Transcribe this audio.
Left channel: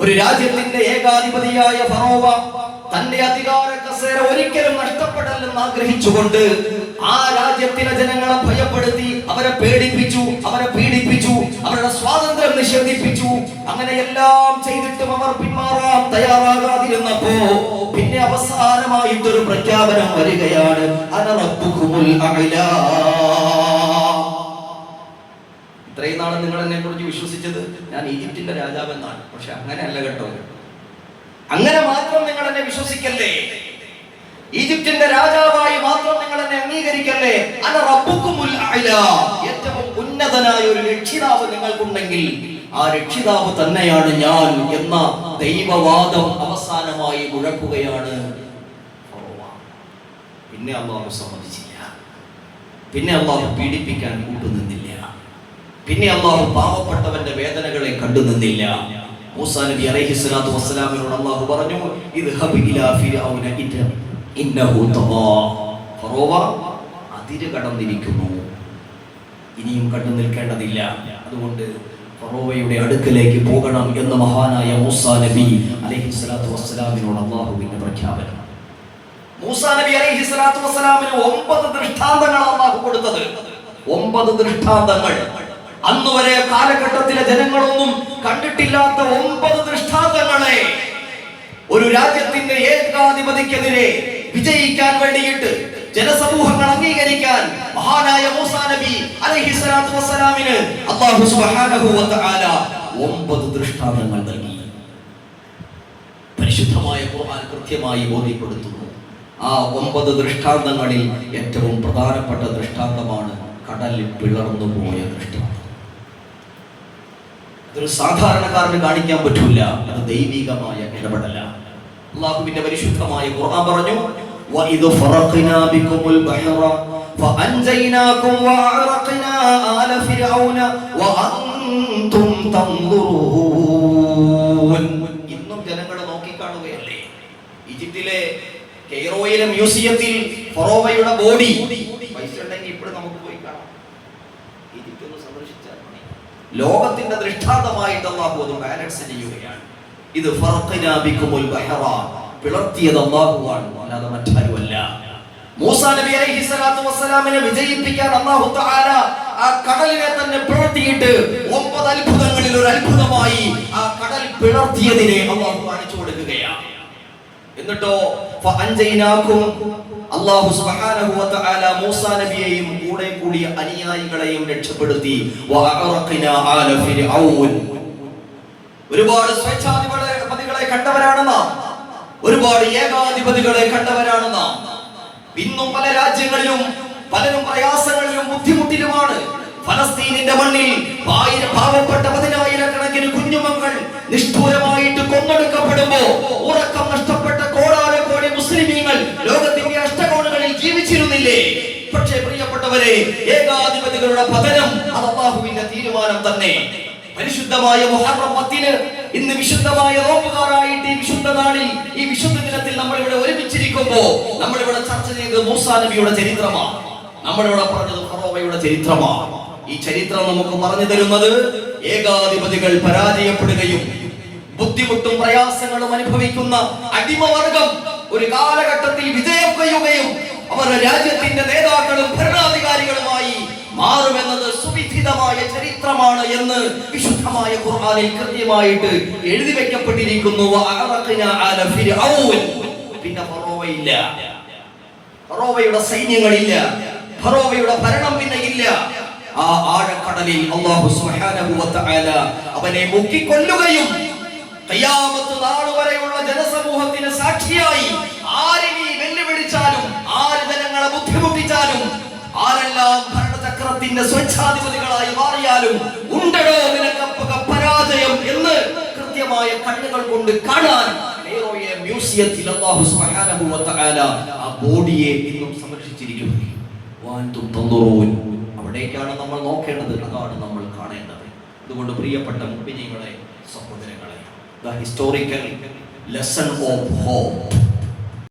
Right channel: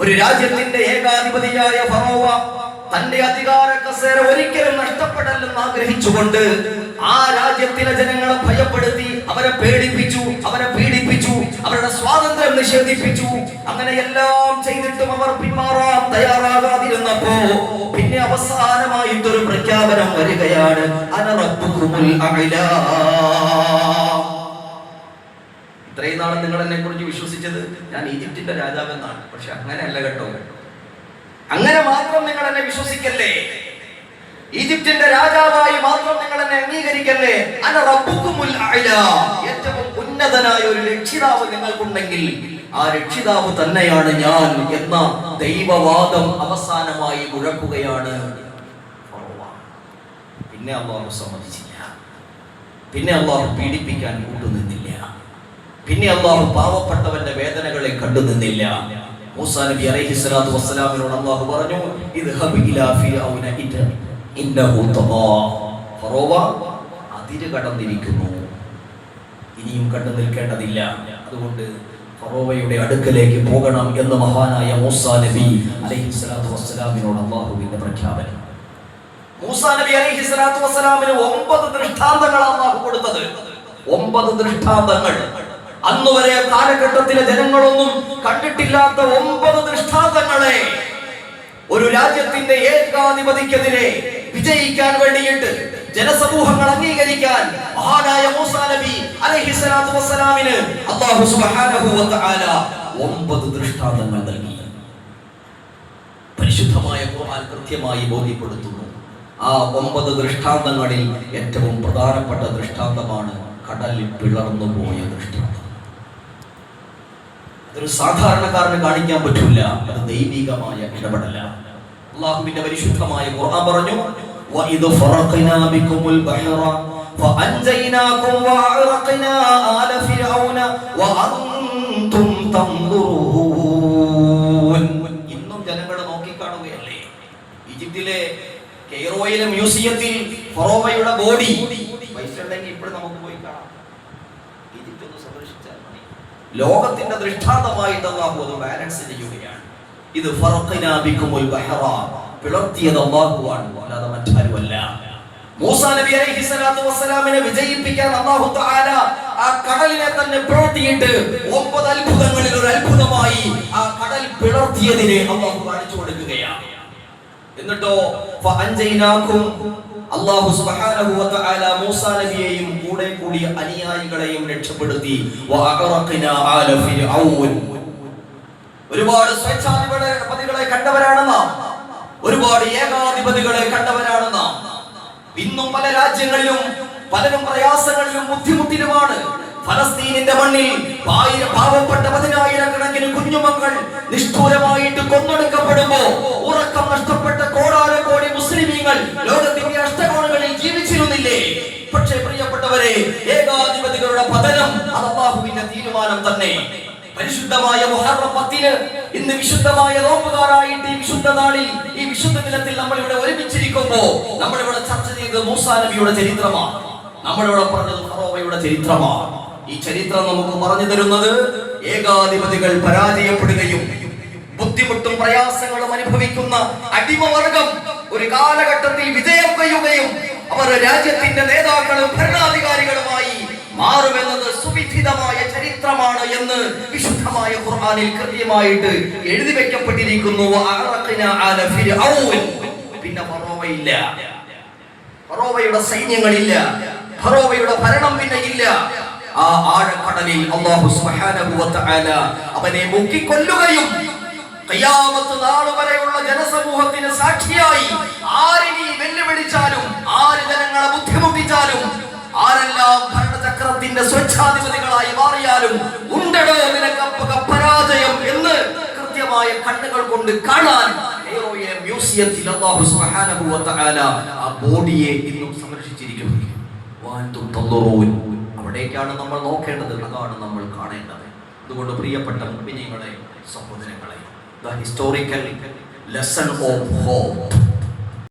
ഒരു രാജ്യത്തിന്റെ ഏകാധിപതിയായ ഫറോവ തന്റെ അധികാര കസേര ഒരിക്കലും നഷ്ടപ്പെടല്ലെന്ന് ആഗ്രഹിച്ചുകൊണ്ട് ആ രാജ്യത്തിലെ ജനങ്ങളെ ഭയപ്പെടുത്തി, അവരെ പേടിപ്പിച്ചു, അവരെ പീഡിപ്പിച്ചു, അവരുടെ സ്വാതന്ത്ര്യം നിഷേധിപ്പിച്ചു. അങ്ങനെയെല്ലാം ചെയ്തിട്ടും അവർ പിന്മാറാൻ തയ്യാറാകാതിരുന്നപ്പോ പിന്നെ അവസാനമായിട്ടൊരു പ്രഖ്യാപനം വരികയാണ്, അന റബ്ബുകുമുൽ അഅ്ലാ. ഇത്രയും നാളെ നിങ്ങൾ എന്നെ കുറിച്ച് വിശ്വസിച്ചത് ഞാൻ ഈജിപ്തിന്റെ രാജാവെന്നാണ്. പക്ഷെ അങ്ങനെയല്ല കേട്ടോ. അങ്ങനെ മാത്രം നിങ്ങൾ എന്നെ വിശ്വസിക്കല്ലേ, ഈജിപ്തിന്റെ രാജാവായി മാത്രം നിങ്ങൾ എന്നെ അംഗീകരിക്കല്ലേ. അന റബ്ബുകുമുൽ അഅ്ലാ. ഏറ്റവും ഉന്നതനായ ഒരു രക്ഷിതാവ് നിങ്ങൾക്കുണ്ടെങ്കിൽ ആ രക്ഷിതാവ് തന്നെയാണ് ഞാൻ എന്ന ദൈവവാദം അവസാനമായി മുഴക്കുകയാണ്. പിന്നെ അല്ലാഹു സമ്മതിച്ചില്ല. പിന്നെ അല്ലാഹു പീഡിപ്പിക്കാൻ കൂട്ടുനിന്നില്ല. പിന്നെ അല്ലാഹു പാവപ്പെട്ടവന്റെ വേദനകളെ കണ്ടുനിന്നില്ല. മൂസാ നബി അലൈഹിസ്സലാത്തു വസ്സലാമിനോട് അല്ലാഹു പറഞ്ഞു, ഇദ്ഹബ് ഇലാ ഫിർഔന ഇന്നഹു തഗാ. ഫറോവ അതിര് കടന്നിരിക്കുന്നു, ഇനിയും കണ്ടു നിൽക്കേണ്ടതില്ല. അതുകൊണ്ട് ഫറോവയുടെ അടുക്കലേക്ക് പോകണം എന്ന് മഹാനായ മൂസാ നബി അലൈഹിസ്സലാത്തു വസ്സലാമിനോട് അല്ലാഹുവിന്റെ പ്രഖ്യാപനം. മൂസാ നബി അലൈഹിസ്സലാത്തു വസ്സലാമിന് 9 ദൃഷ്ടാന്തങ്ങളാണ് അല്ലാഹു കൊടുത്തത്. 9 ദൃഷ്ടാന്തങ്ങൾ. അന്നുവരെ കാലഘട്ടത്തിലെ ജനങ്ങളൊന്നും കണ്ടിട്ടില്ലാത്ത 9 ദൃഷ്ടാന്തങ്ങളെ ഒരു രാജ്യത്തിന്റെ ഏകാധിപതിക്കെതിരെ വിജയിക്കാൻ വേണ്ടിയിട്ട്, ജനസമൂഹങ്ങൾ അംഗീകരിക്കാൻ മഹാനായ മൂസാ നബി അലൈഹിസ്സലാത്തു വസ്സലാമിന് അല്ലാഹു സുബ്ഹാനഹു വ തആല 9 ദൃഷ്ടാന്തങ്ങൾ നൽകി. പരിശുദ്ധമായ ഖുർആൻ കൃത്യമായി ബോധ്യപ്പെടുത്തുന്നു. ആ 9 ദൃഷ്ടാന്തങ്ങളിൽ ഏറ്റവും പ്രധാനപ്പെട്ട ദൃഷ്ടാന്തമാണ് കടൽ പിളർന്നു പോയ ദൃഷ്ടാന്തം. അതൊരു സാധാരണക്കാരന് കാണിക്കാൻ പറ്റില്ല. അത് ദൈവികമായ ഇടപെടലാണ്. അല്ലാഹുവിന്റെ പരിശുദ്ധമായ ഖുർആൻ പറഞ്ഞു, വഇദ് ഫറഖനാ ബികുമുൽ ബഹറ ഫഅൻജയ്നാകും വഅറഖനാ ആല ഫിർഔന വഅൻതും തൻദുറൂൻ. ഇന്നും ജനങ്ങൾ നോക്കി കാണുകയല്ലേ. ഈജിപ്തിലെ കെയ്റോയിലെ മ്യൂസിയത്തിൽ ഫറോവയുടെ ബോഡി പൈസ ഉണ്ടെങ്കിൽ ഇപ്പോൾ നമുക്ക് പോയി കാണാം. ഈജിപ്ത് ഒന്ന് സന്ദർശിച്ചാൽ മതി. ലോകത്തിന്റെ ദൃഷ്ടാന്തമായിട്ട് അല്ലാഹു അത് ബാലൻസ് ചെയ്യുകയാണ്. ഇത് ഫറഖനാ ബികുമുൽ ബഹറ, പിളർത്തിയത് അല്ലാഹുവാണ്, അല്ലാതെ മറ്റാരുമല്ല. മൂസാ നബി അലൈഹിസ്സലാത്തു വസ്സലാമിനെ വിജയിപ്പിക്കാൻ അല്ലാഹു തആല ആ കടലിനെ തന്നെ പിളർത്തിയിട്ട് 9 അത്ഭുതങ്ങളിൽ ഒരു അത്ഭുതമായി ആ കടൽ പിളർത്തിയതിനെ അല്ലാഹു കാണിച്ചു കൊടുക്കുകയാണ്. എന്നിട്ടോ ഫഅൻജയ്നാകും, അല്ലാഹു സുബ്ഹാനഹു വ തആല മൂസാ നബിയെയും കൂടെ കൂടിയ അനുയായികളെയും രക്ഷപ്പെടുത്തി. വഅറഖനാ ആല ഫിർഔൻ. ഒരുപാട് സ്വേച്ഛാധിപതികളെ കണ്ടവരാണ് നാം, ഒരുപാട് ഏകാധിപതികളെ കണ്ടവരാണ് നാം. ഇന്നും പല രാജ്യങ്ങളിലും പലരും പ്രയാസങ്ങളിലും ബുദ്ധിമുട്ടിലുമാണ്. ഫലസ്തീനിന്റെ മണ്ണിൽ പാവപ്പെട്ട 10,000-കണക്കിന് കുഞ്ഞുമക്കൾ നിഷ്ഠൂരമായിട്ട് കൊന്നൊടുക്കപ്പെടുമ്പോ ഉറക്കം നഷ്ടപ്പെട്ട കോടാനുകോടി മുസ്ലിമീങ്ങൾ ലോകത്തിന്റെ അഷ്ടകോണുകളിൽ ജീവിച്ചിരുന്നില്ലേ? പക്ഷേ പ്രിയപ്പെട്ടവരെ, ഏകാധിപതികളുടെ പതനം അത് അല്ലാഹുവിന്റെ തീരുമാനം തന്നെ. പരിശുദ്ധമായ മുഹറം 10 ഇന്ന് വിശുദ്ധമായ നോമ്പുകാരായിട്ട് ഈ വിശുദ്ധ നാളിൽ, ഈ വിശുദ്ധ ദിനത്തിൽ നമ്മൾ ഇവിടെ ഒരുമിച്ചിരിക്കുമ്പോ നമ്മൾ ഇവിടെ ചർച്ച ചെയ്തത് മൂസാ നബിയുടെ ചരിത്രമാണ്. നമ്മളിവിടെ പറഞ്ഞത് ഫറോവയുടെ ചരിത്രമാണ്. ഈ ചരിത്രം നമുക്ക് പറഞ്ഞു തരുന്നത് ഏകാധിപതികൾ പരാജയപ്പെടുകയും ബുദ്ധിമുട്ടും പ്രയാസങ്ങളും അനുഭവിക്കുന്ന അടിമവർഗം ഒരു കാലഘട്ടത്തിൽ വിജയം കൊയ്യുകയും അവർ രാജ്യത്തിന്റെ നേതാക്കളും ഭരണാധികാരികളുമായി മാറുമെന്നത് സുവിധിതമായ ചരിത്രമാണ് എന്ന് വിശുദ്ധമായ ഖുർആനിൽ കൃത്യമായിട്ട് എഴുതി വെക്കപ്പെട്ടിരിക്കുന്നു. പിന്നെ ഫറോവയില്ല, ഫറോവയുടെ സൈന്യങ്ങളില്ല, ഫറോവയുടെ ഭരണം പിന്നെ ഇല്ല. ആ ആഴക്കടലിൽ അല്ലാഹു സുബ്ഹാനഹു വ തആല അവനെ മുക്കിക്കൊല്ലുകയും ഖിയാമത്ത് നാൾ വരെയുള്ള ജനസമൂഹത്തിന് സാക്ഷിയായി ആരിനി വെല്ലുവിളിച്ചാലും, ആര് ജനങ്ങളെ ബുദ്ധിമുട്ടിച്ചാലും, ആരെല്ലാം ഭരണചക്രത്തിന്റെ സ്വേച്ഛാധിപതികളായി മാറിയാലും ഉണ്ടടോ നിനക്കപ്പക പരാജയം എന്ന് കൃത്യമായ കണ്ണുകൾ കൊണ്ട് കാണാൻ കെയ്റോയിലെ മ്യൂസിയത്തിൽ അല്ലാഹു സുബ്ഹാനഹു വ തആല ആ ബോഡിയെ ഇന്നും സംരക്ഷിച്ചിരിക്കുന്നു. അവിടേക്കാണ് നമ്മൾ നോക്കേണ്ടത്, അതാണ് നമ്മൾ കാണേണ്ടത്. അതുകൊണ്ട് പ്രിയപ്പെട്ട മുഅ്മിനീങ്ങളെ, സഹോദരങ്ങളെ, the historical lesson of hope.